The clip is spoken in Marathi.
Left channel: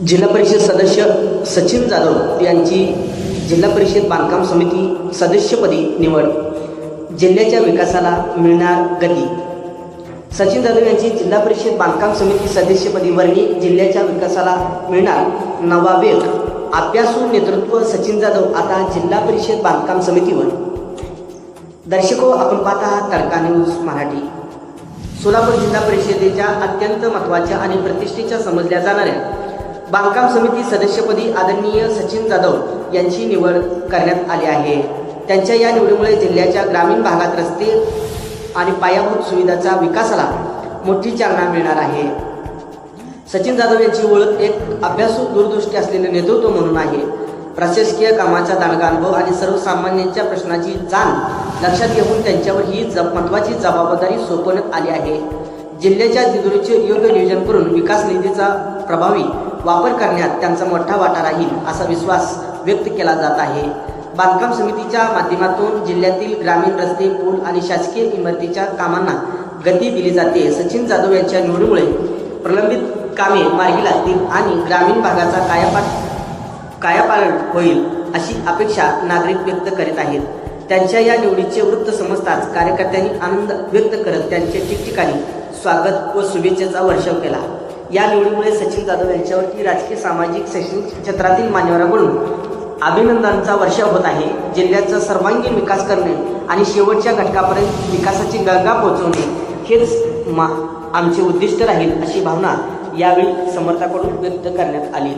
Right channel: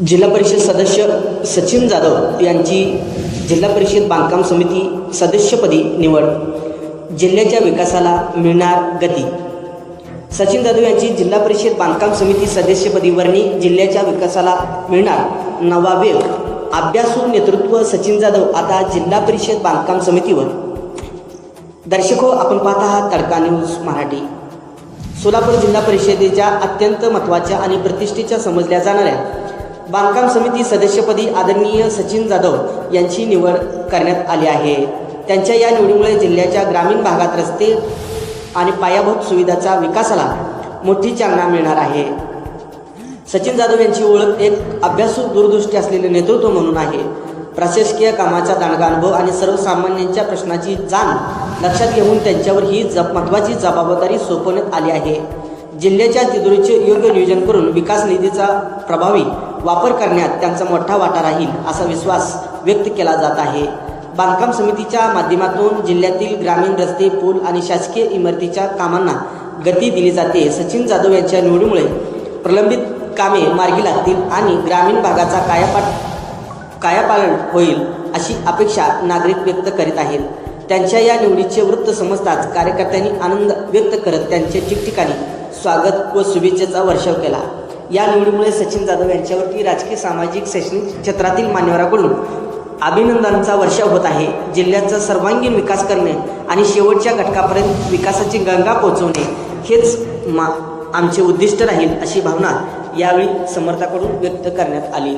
जिल्हा परिषद सदस्य सचिन जाधव यांची जिल्हा परिषद बांधकाम समिती सदस्यपदी निवड. जिल्ह्याच्या विकासाला मिळणार गती. सचिन जाधव यांची जिल्हा परिषद बांधकाम समिती सदस्यपदी वर्णी. जिल्ह्याच्या विकासाला मिळणार नवा वेग. अभ्यासू नेतृत्व सचिन जाधव आता जिल्हा परिषद बांधकाम समितीवर. दर्शको, आपण पाहत आहात तडका न्यूज मराठी. सोलापूर जिल्हा परिषदेच्या अत्यंत महत्त्वाच्या आणि प्रतिष्ठेच्या समजल्या जाणाऱ्या बांधकाम समिती सदस्यपदी आदरणीय सचिन जाधव यांची निवड करण्यात आली आहे. त्यांच्या या निवडीमुळे जिल्ह्याच्या ग्रामीण भागात रस्ते आणि पायाभूत सुविधांच्या विकासाला मोठी चालना मिळणार आहे. सचिन जाधव यांची ओळख एक अभ्यासू, दूरदृष्टी असलेले नेतृत्व म्हणून आहे. प्रशासकीय कामाचा दांडगा अनुभव आणि सर्वसामान्यांच्या प्रश्नाची जाण लक्षात घेऊन त्यांच्यावर ही महत्त्वाची जबाबदारी सोपवण्यात आली आहे. जिल्ह्याच्या तिजोरीचे योग्य नियोजन करून विकास निधीचा प्रभावी वापर करण्यात त्यांचा मोठा वाटा राहील असा विश्वास व्यक्त केला जात आहे. बांधकाम समितीच्या माध्यमातून जिल्ह्यातील ग्रामीण रस्ते, पूल आणि शासकीय इमारतीच्या कामांना गती दिली जाते. सचिन जाधव यांच्या निवडीमुळे प्रलंबित कामे मार्गी लागतील आणि ग्रामीण भागाचा कायापालट होईल अशी अपेक्षा नागरिक व्यक्त करीत आहेत. त्यांच्या या निवडीचे वृत्त समजताच कार्यकर्त्यांनी आनंद व्यक्त करत त्यांचे ठिकठिकाणी स्वागत व शुभेच्छेचा वर्षाव केला. या निवडीमुळे सचिन जाधव यांच्यावरती राजकीय, सामाजिक, शैक्षणिक क्षेत्रातील मान्यवरांकडून अभिनंदनांचा वर्षाव होत आहे. जिल्ह्याचा सर्वांगीण विकास करणे आणि शेवटच्या घटकापर्यंत विकासाची गंगा पोहोचवणे हेच आमचे उद्दिष्ट राहील अशी भावना यावेळी समर्थकांकडून व्यक्त करण्यात आली.